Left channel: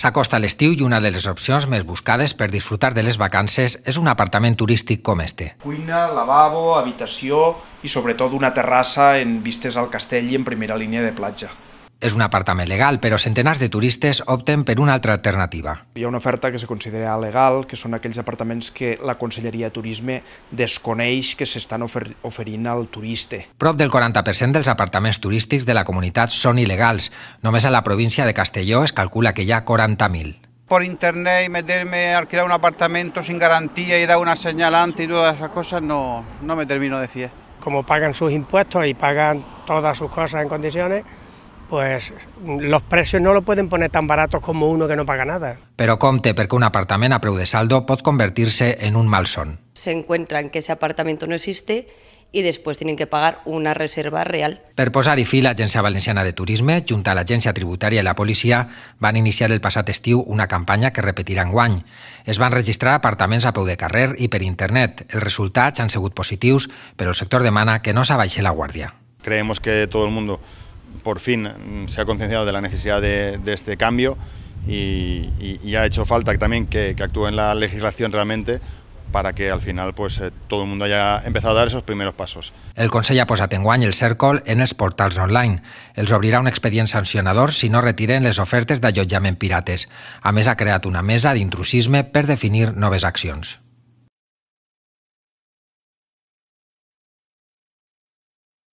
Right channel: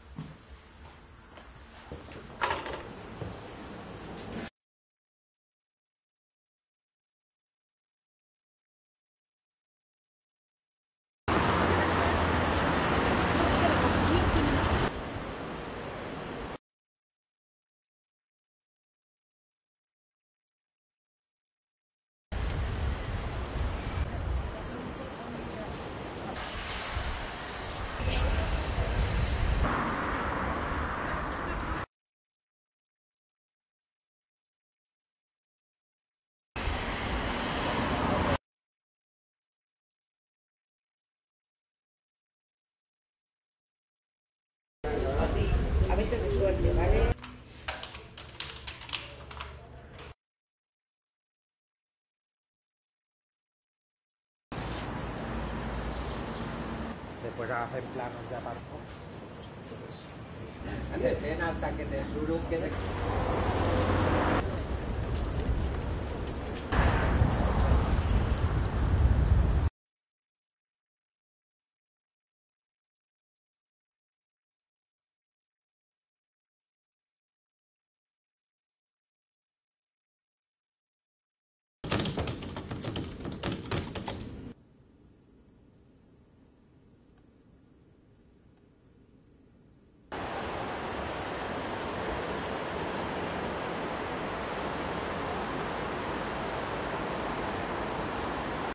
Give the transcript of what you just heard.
S'acosta l'estiu i una de les opcions més buscades per disfrutar de les vacances és un apartament turístic com este. Cuina, lavabo, habitació i sobretot una terrassa en vistes al castell i en primera línia de platja. És un apartament legal, però centenars de turistes opten per una altra alternativa. Hi ha una oferta que se considera legal, que són aquells apartaments que la Conselleria de Turisme desconeix que s'estan oferint al turista. Prop del 40% dels apartaments turístics de la comunitat són il·legals. Només a la província de Castelló es calcula que hi ha 40.000. Por internet y meterme a alquilar un apartamento sin garantía y dar una señalante y todas esas cosas no me termino de fiar. Como pagan sus impuestos y pagan todas sus cosas en condiciones, pues los precios no lo pueden poner tan baratos como uno que no paga nada. Però compte, perquè un apartament a preu de saldo pot convertir-se en un malson. Se encuentran que ese apartamento no existe y después tienen que pagar una reserva real. Per posar-hi fi, l'Agència Valenciana de Turisme, junt a l'Agència Tributària i la policia, van iniciar el passat estiu una campanya que repetirà enguany. Es van registrar apartaments a peu de carrer i per internet. Els resultats han sigut positius, però el sector demana que no s'abaixi la guàrdia. Creemos que todo el mundo por fin se ha concienciado de la necesidad de este cambio y ha hecho falta también que actúe en la legislación realmente para que al final pues, todo el mundo haya empezado a dar esos primeros pasos. El Consell ha posat enguany el cèrcol en els portals online. Els obrirà un expedient sancionador si no retiren les ofertes d'allotjament pirates. A més, ha creat una mesa d'intrusisme per definir noves accions.